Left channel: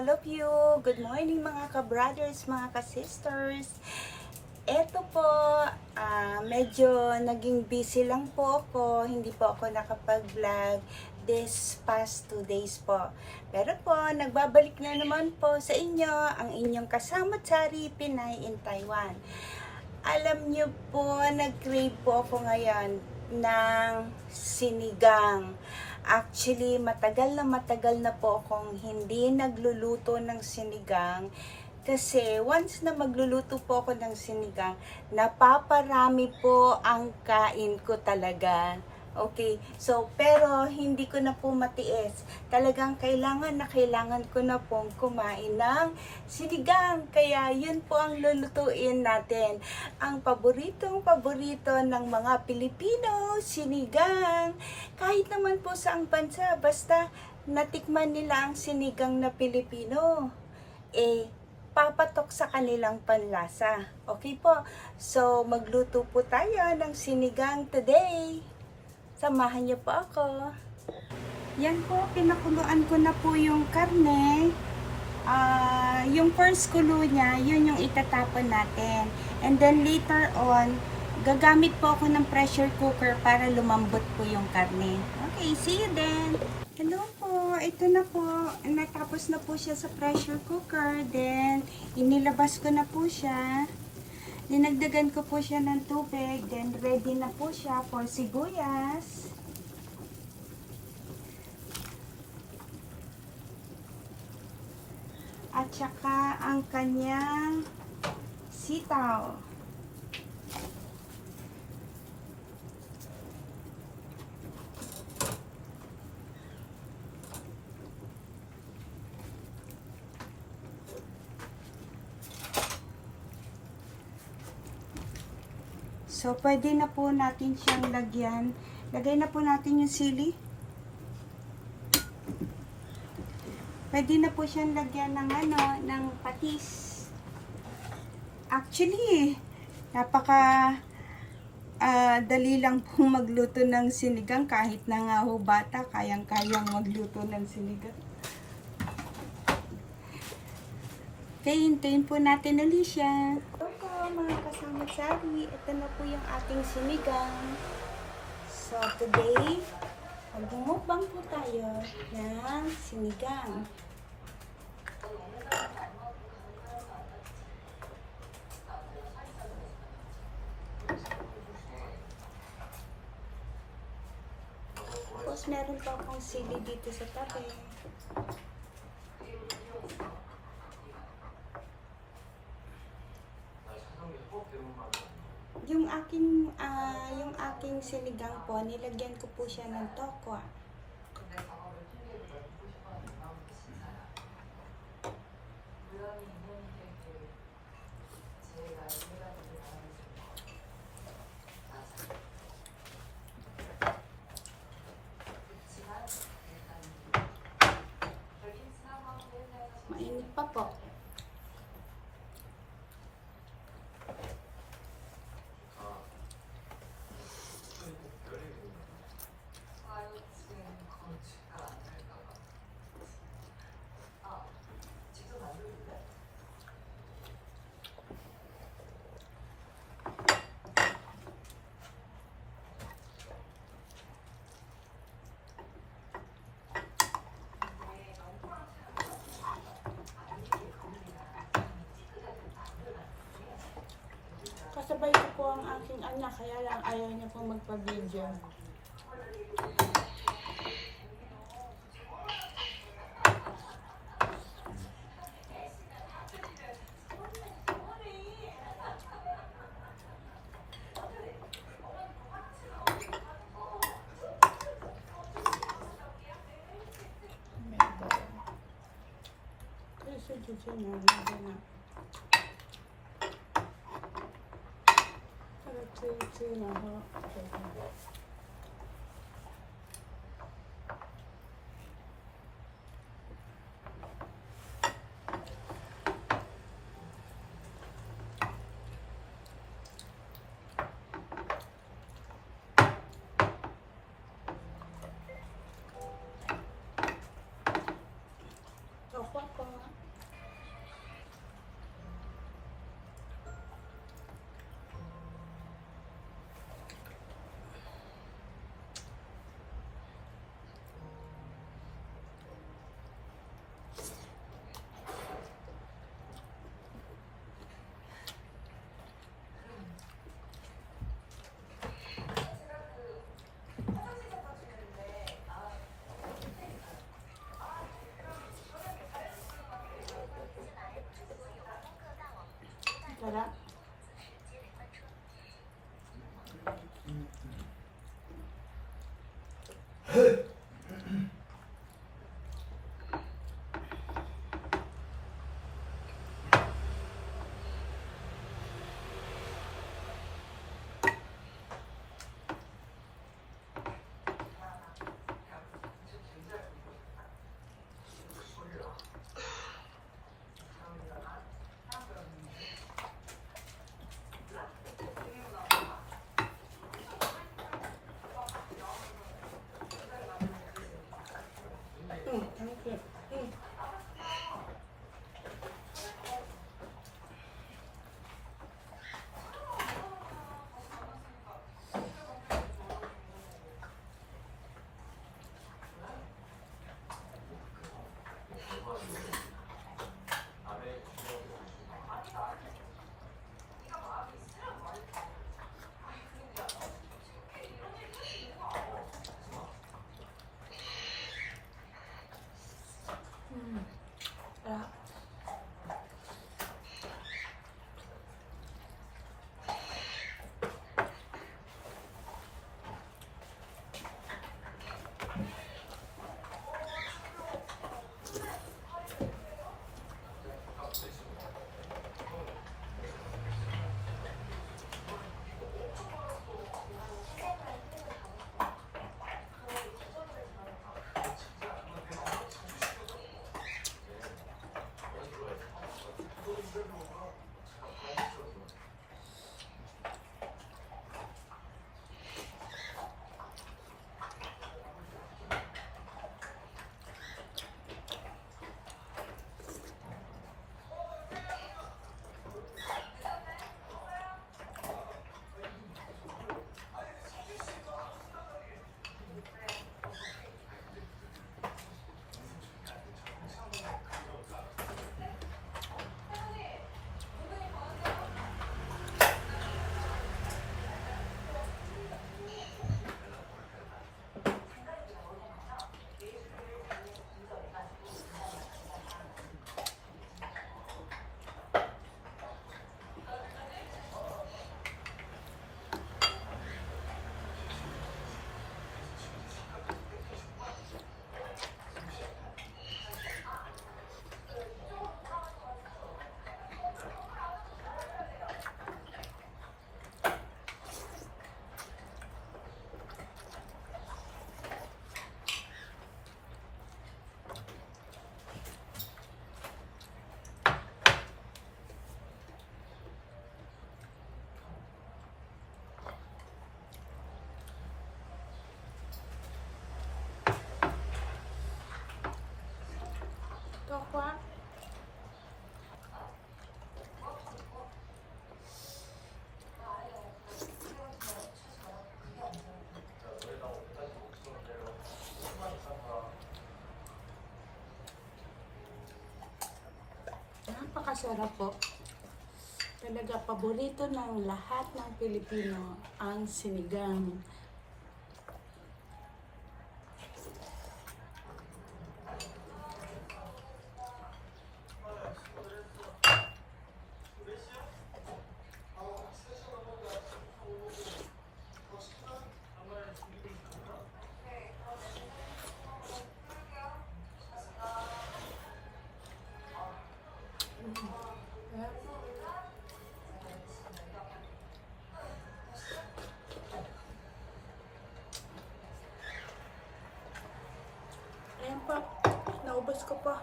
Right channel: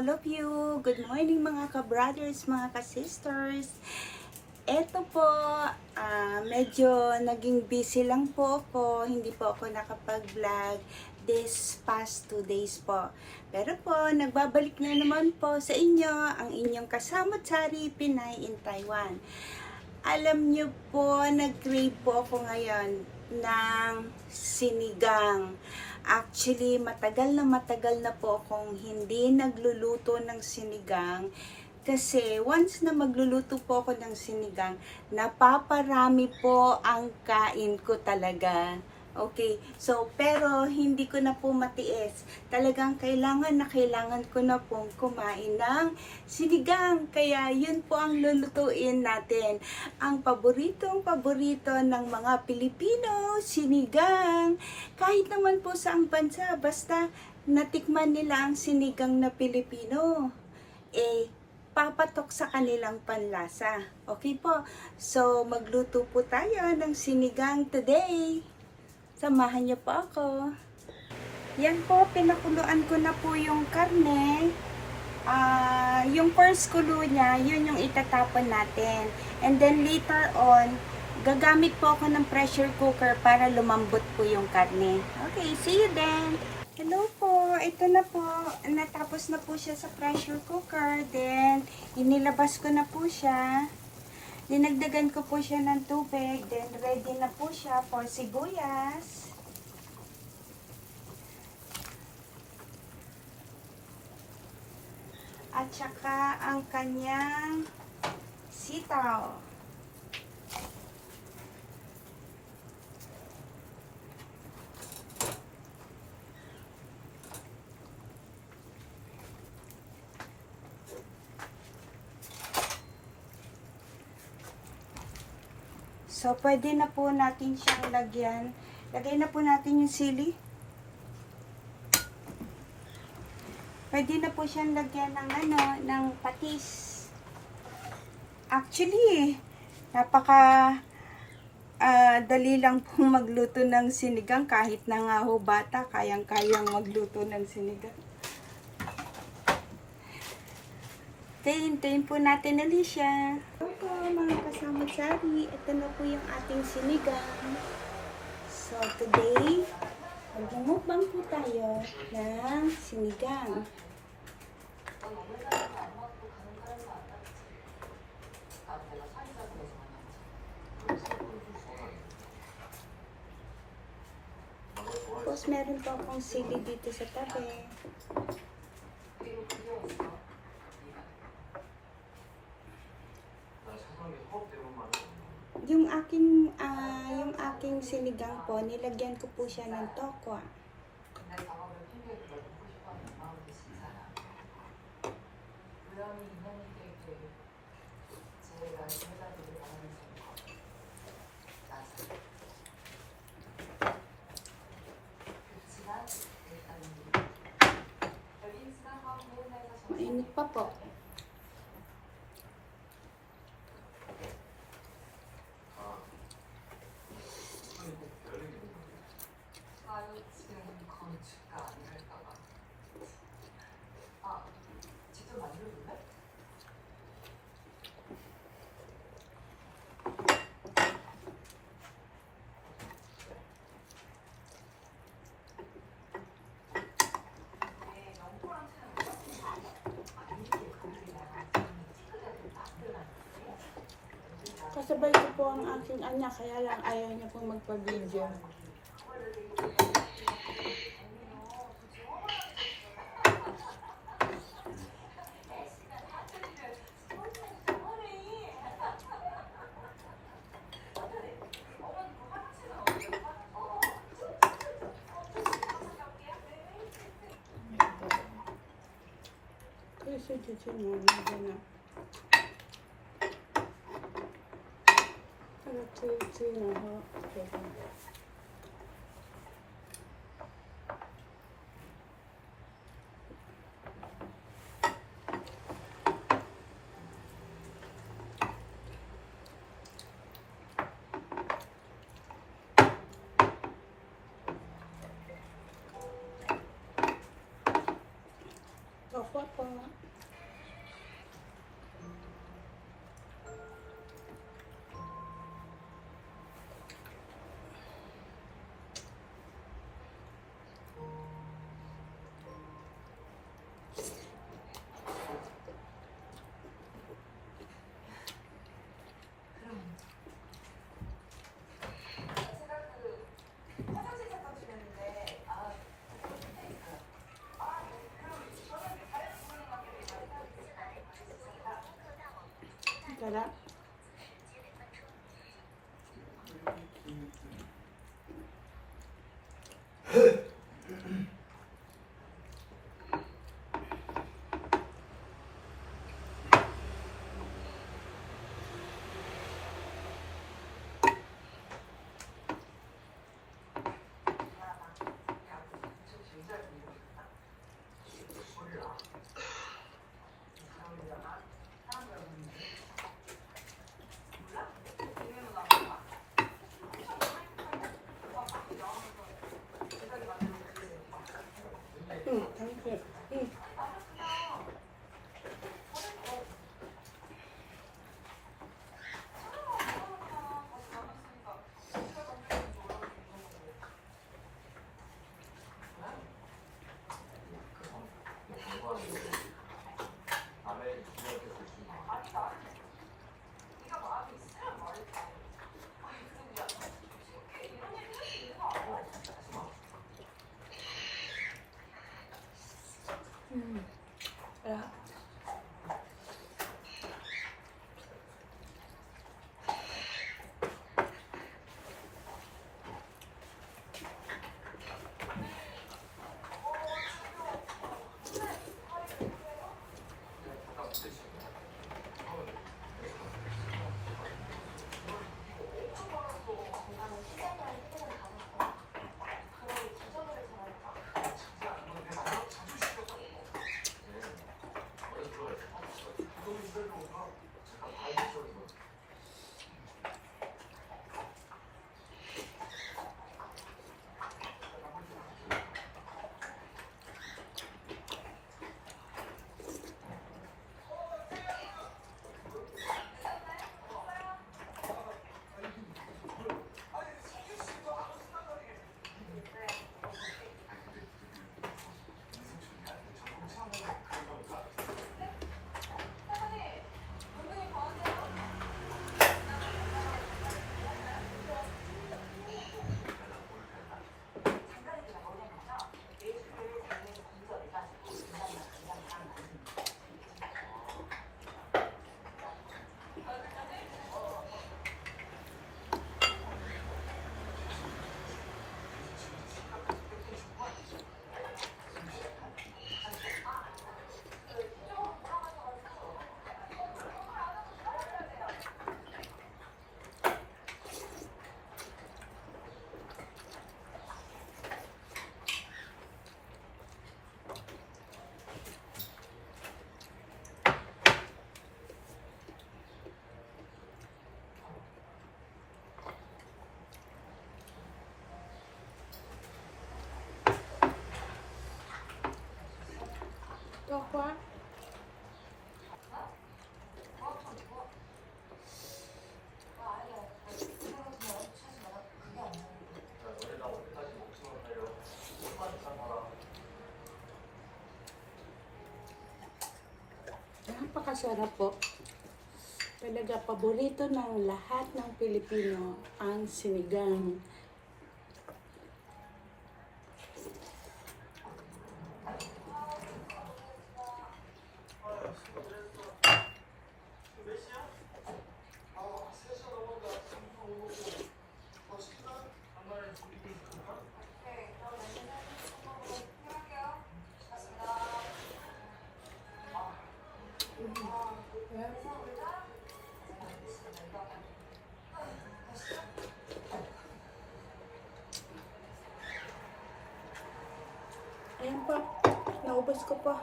all of you. Good morning mga ka-brothers, mga ka-sisters. Eto po, medyo naging busy lang po ako. Hindi po ako nakapag-vlog this past 2 days po. Pero po, nagbabalik na naman po sa inyo ang inyong kasama-tsari Pinay in Taiwan. Alam nyo po, nag-crave po ako ngayon ng sinigang. Actually, matagal na po akong hindi nagluluto ng sinigang. Kasi once na magluluto po ako ng sinigang, napaparami po ang kain ko talaga. Okay, so pero hindi ko na po matiis. Talagang kailangan ko na pong kumain ng sinigang. Kaya yun po ang lulutuin natin. Ang paborito ng mga Pilipino, sinigang. Kahit naman po sa ang bansa, basta natikman nila ang sinigang na Pilipino, papatok sa kanilang panlasa. Okay po, so magluto po tayo ng sinigang today. Samahan niyo po ako. Yan po, pinakuluan ko na po yung karne. Yung first kulo niya, yun yung itatapon natin. And then later on, gagamit po ako ng pressure cooker para lumambot po yung karne. Okay, see you then. Hello po, ito na po. Natapos na po siya sa pressure cooker. Then, inilabas ko na po siya. Dinagdagan ko po siya ng tubig. Then, ready na po siya for sibuyas. At saka ang kanyang sitaw. So, pwede na po natin siyang lagyan. Lagay na po natin yung sili. Pwede na po siyang lagyan ng ng patis. Actually, napaka dali lang po magluto ng sinigang. Kahit na nga ho bata, kayang-kayang magluto ng sinigang. Hintayin po natin ulit siya. Opo, mga kasama-tsari, ito na po yung ating sinigang. So, today, mag-mukbang po tayo ng sinigang. Tapos, meron pa akong sili dito sa tabi. Yung aking sinigang po, nilagyan ko po siya ng tokwa. Mainit pa po. Kasabay ko po ang aking anak, kaya lang ayaw niya po magpa-video. na. Opo po. Sarap. Thank you. Sarap. Tokwa. Napakasarap po. Talaga paborito ng lahat ng Pilipino ang sinigang. Ayan po, naubos ko pa.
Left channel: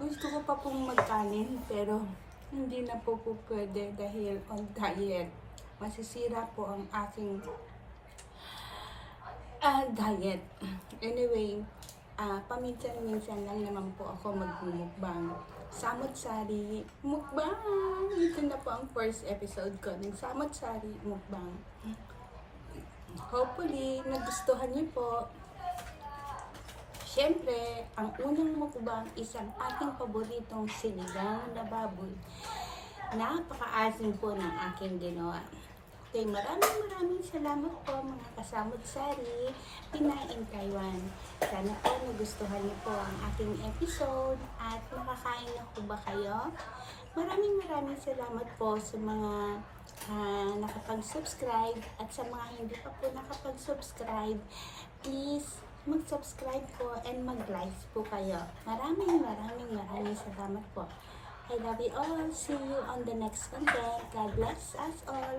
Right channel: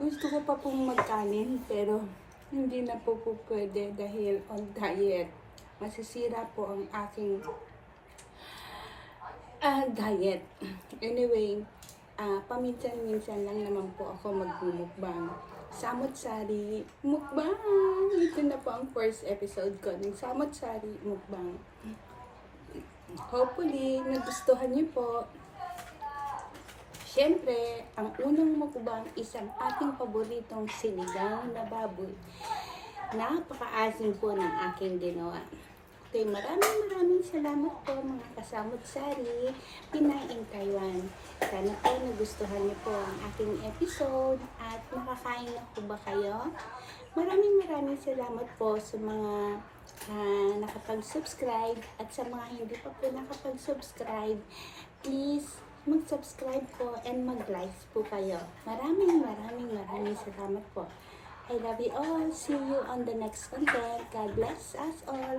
Gusto ko pa pong magkanin pero hindi na po pwede dahil on diet. Masisira po ang aking diet. Anyway, paminsan-minsan lang naman po ako magmumukbang. Samot-sari mukbang! Ito na po ang first episode ko ng Samot-sari mukbang. Hopefully, nagustuhan niyo po. Siyempre, ang unang mukbang isang aking paboritong sinigang na baboy. Napakaasim po ng aking ginawa. Okay, maraming salamat po mga kasamot-sari, Pinay in Taiwan. Sana po nagustuhan niyo po ang aking episode at nakakain na po ba kayo? Maraming salamat po sa mga nakapag-subscribe at sa mga hindi pa po nakapag-subscribe. Please, mag-subscribe po and mag-like po kayo. Maraming salamat po. I love you all. See you on the next content. God bless us all.